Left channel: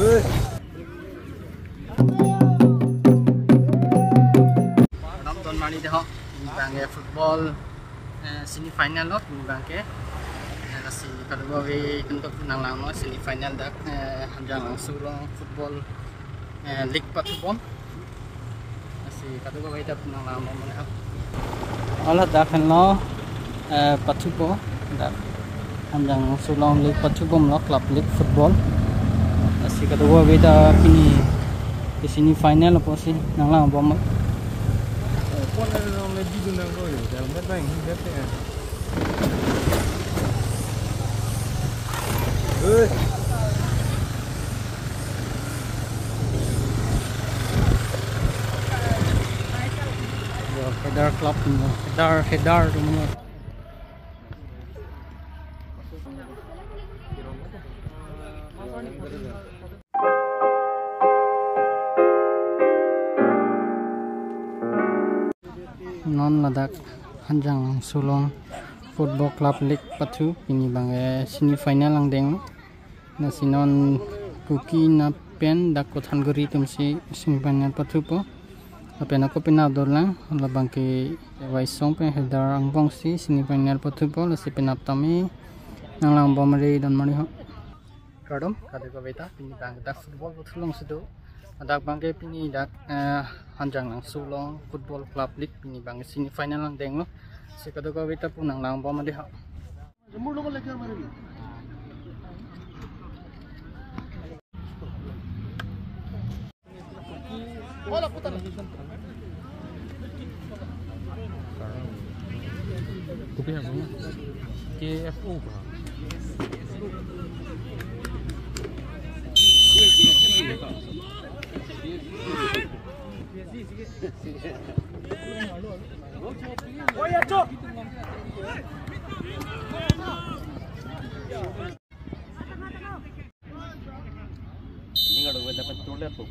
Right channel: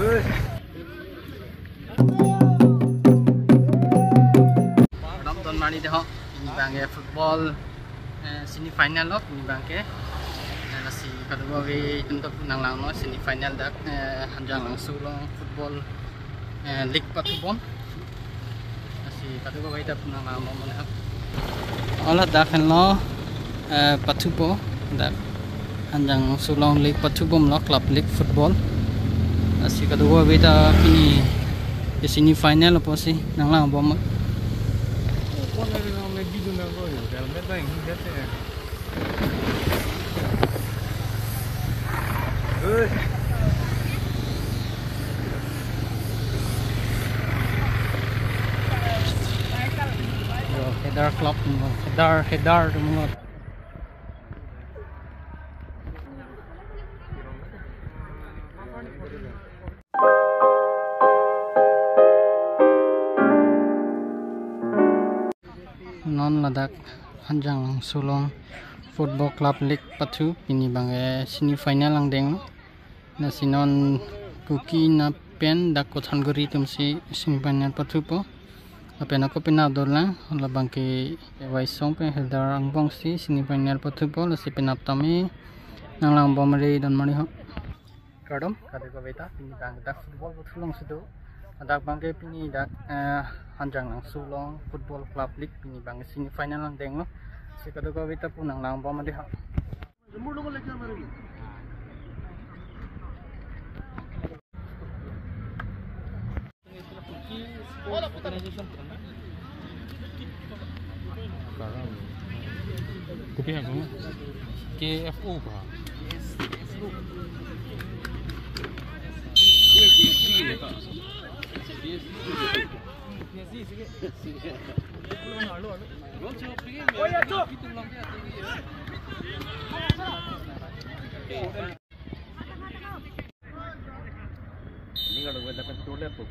Don mani dah bangke football semi final lot bangke nasi kedua we untuk nang lang no semi final dak hanjang langsung long football league patubon nasi kedua we dak nang lang no mana olah dak no patubo dak hanjang sulong league patubom lo club league football nasi kedua we dak ini semi final apa sih nang lang bom lebih dulu kau itu, kalau mereka ini kata. Header club, header semua. Non Ladakh hanjang sulong football club league patu ini bangge semi final lang deng na sinon kuki na pen dak kothan guri tumsi semi final patu po apen ako pinadol lang la bangke waisong pe header ang bong si semi final patu po la si pinaptami nang lang bomari dan mari ho kadom kade ko beta pini bangke dak football patu long sido dak bangke pini dak hanjang lang sulong football club league pini bang semi final lang deng no sekado ko beta po nang lang bomari ha Kopi yang mana? KFO apa? Ini kalau kita dapat tulis tu.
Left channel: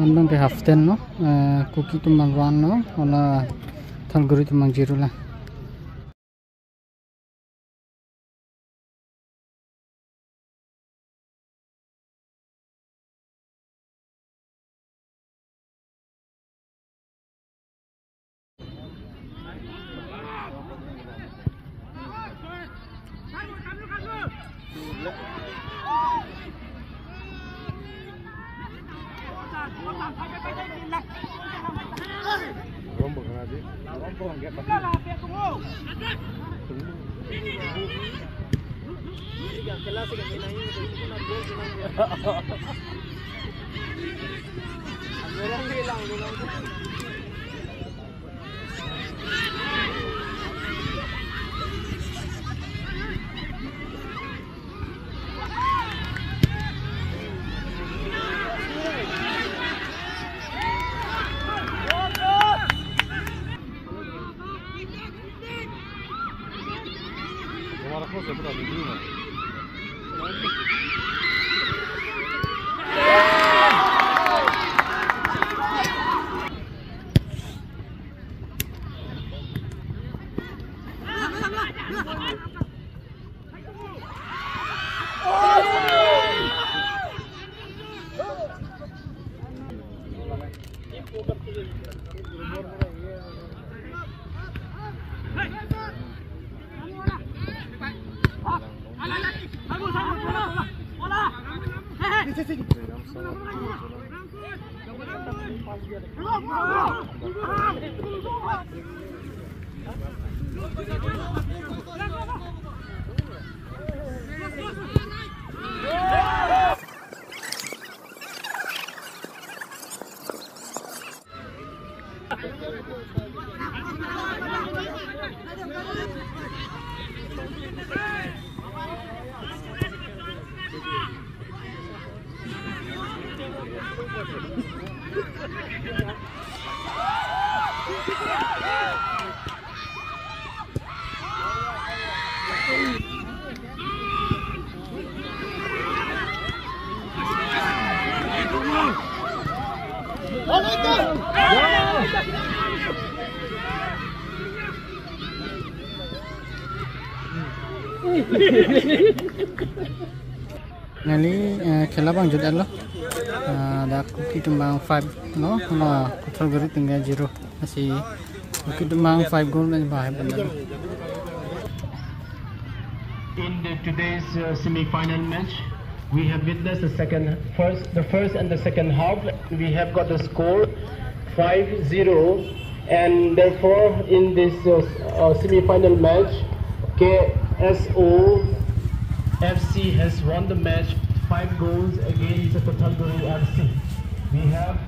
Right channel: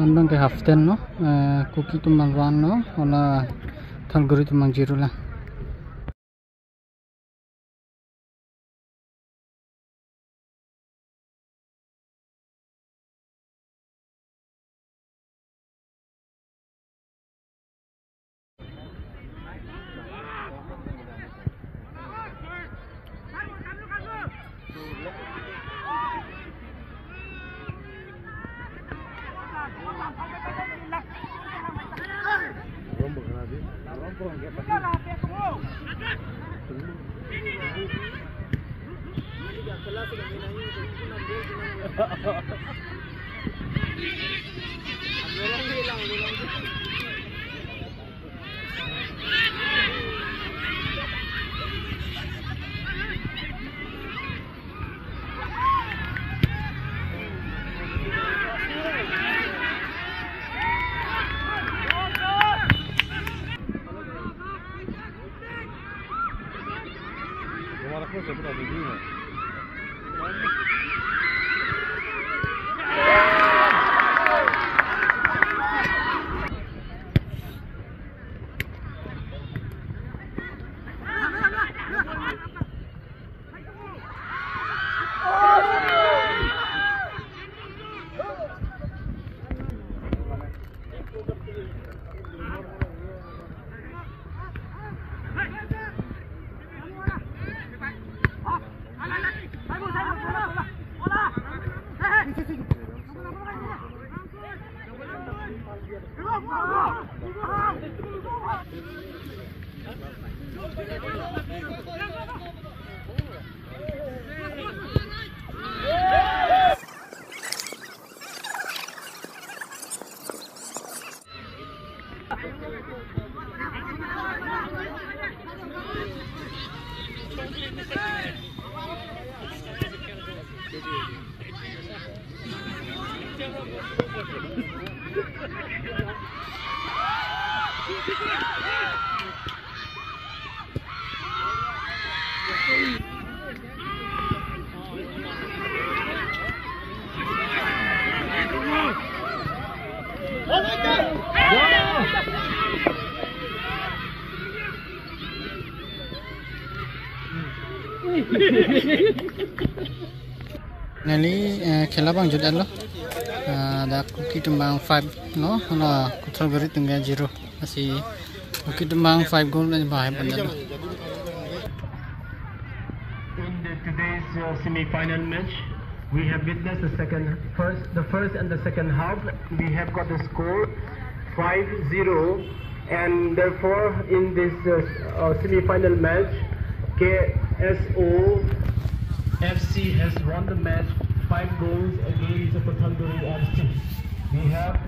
Mandang ke haften no, cookie tu malwan no, ola thalguri tu mang jiru lah. Nali khela bang jod allo da cookie tumbang 5 no na kuthal gari tunga 0 asi cookie tumbang 5 goal na bahay bandalo. In today's semi-final match, we have witnessed the first and the second half. We have got the score 5-0, and therefore in this semi-final match, KSO FC has won the match 5 goals against the Thalguri FC. We have